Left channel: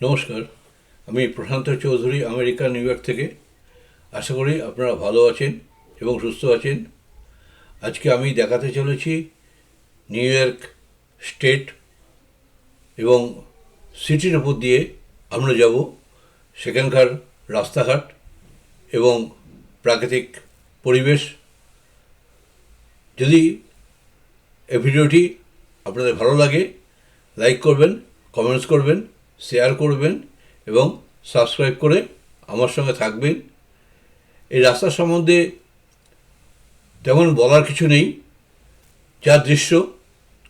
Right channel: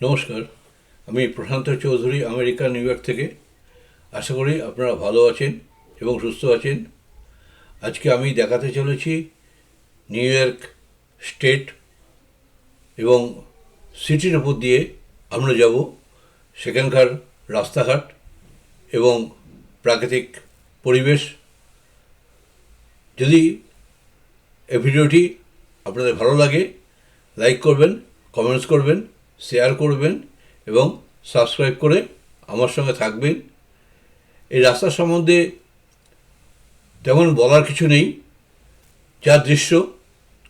নমস্কার, আমি Prashanta Chowdhury, America, New York থেকে। আশা করি আপনারা ভালো আছেন এবং সুস্থ আছেন। আজকে আমি দেখাতে চলেছি নিউ ইয়র্ক স্টেট এবং সিটির উপর দিয়ে আমরা যাব, সেখানকার রাস্তাঘাট এবং প্রাকৃতিক পরিবেশ। যদি এই ভিডিওটি আপনাদের ভালো লাগে, লাইক করবেন, কমেন্টস করবেন শেয়ার করবেন এবং সাবস্ক্রাইব করে আমার সঙ্গে থাকবেন। এই রাস্তা সম্বন্ধে তেমন বলার কিছু নেই। যা দৃশ্য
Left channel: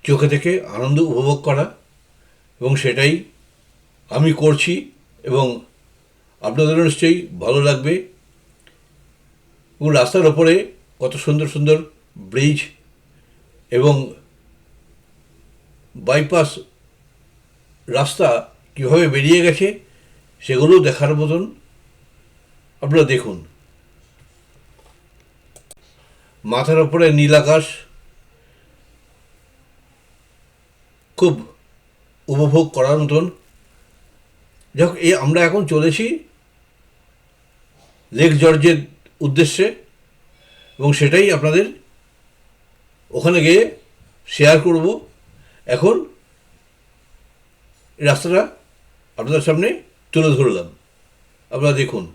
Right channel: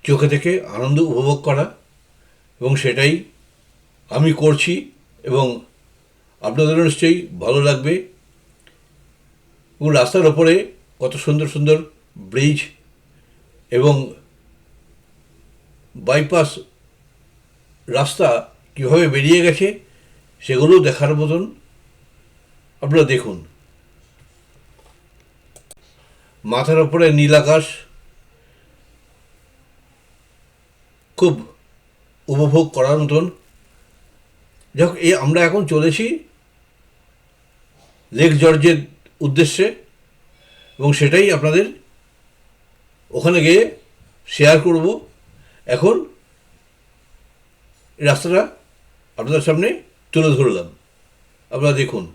চোখে থেকে আনন্দ উপভোগ করা এবং সেটাই আমি করছি এবং আপনাদেরও নিশ্চয়ই ভালো লাগবে। এবং রাস্তার ওপরে কত সুন্দর সুন্দর ব্রিজ এবং বাইপাস রাস্তা কীভাবে বেরিয়ে গেছে সেগুলো দেখার মতন আপনারা দেখুন। মাথার ওপরে নীল আকাশ খুব উপভোগ করার মতন। যাই হোক এই আমরা এখন চলেছি লেক জর্জের উদ্দেশ্যে এবং সেটাই আপনাদের ওখানে গিয়ে শেয়ার করব। এখন রাস্তাটা আপনাদের সামনে তুলে ধরলাম। আপনারা দেখুন।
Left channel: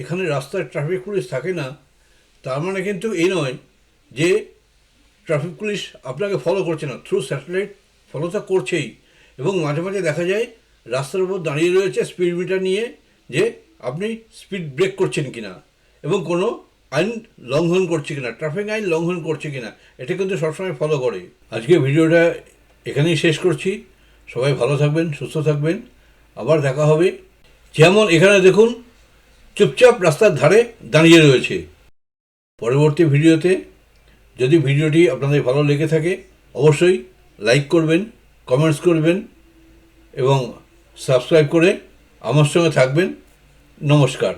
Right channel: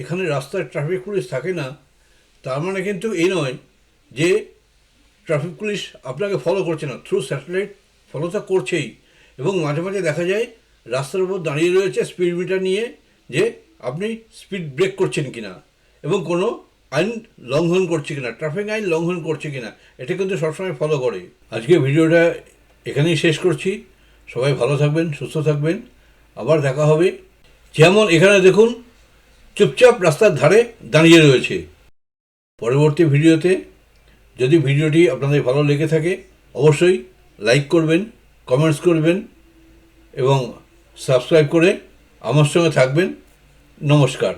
যেখানে রাস্তায় ট্রাফিক পুলিশ থাকে না, তার মানে কিন্তু এই নয় যে ট্রাফিক পুলিশ আপনাকে ফলো করছে না থ্রু স্যাটেলাইট ফলো তো করছেই। এবং মাঝে মাঝে দেখা যায় রাস্তার উপর দাঁড়িয়ে রয়েছে স্পিড মিটার নিয়ে যে আপনি স্পিড ব্রেক করছেন কিনা এবং কোনো আইন লঙ্ঘন করছে কিনা ট্রাফিক আইন লঙ্ঘন করছে কিনা, এটা কিন্তু সবসময় ফলো করে। আজকে ভিডিওটা এখানেই শেষ করছি। সবাই ভালো থাকবেন, সুস্থ থাকবেন। আবার দেখা হবে। যেমন এখানে দেখুন চুপচাপ রাস্তার ধারে দাঁড়িয়ে রয়েছে। পরবর্তী ভিডিওতে যদি ভিডিওটি আপনাদের ভালো লেগে থাকে, অবশ্যই লাইক করবেন, কমেন্টস করবেন এবং সাবস্ক্রাইব করে আমার সঙ্গে থাকবেন। নমস্কার।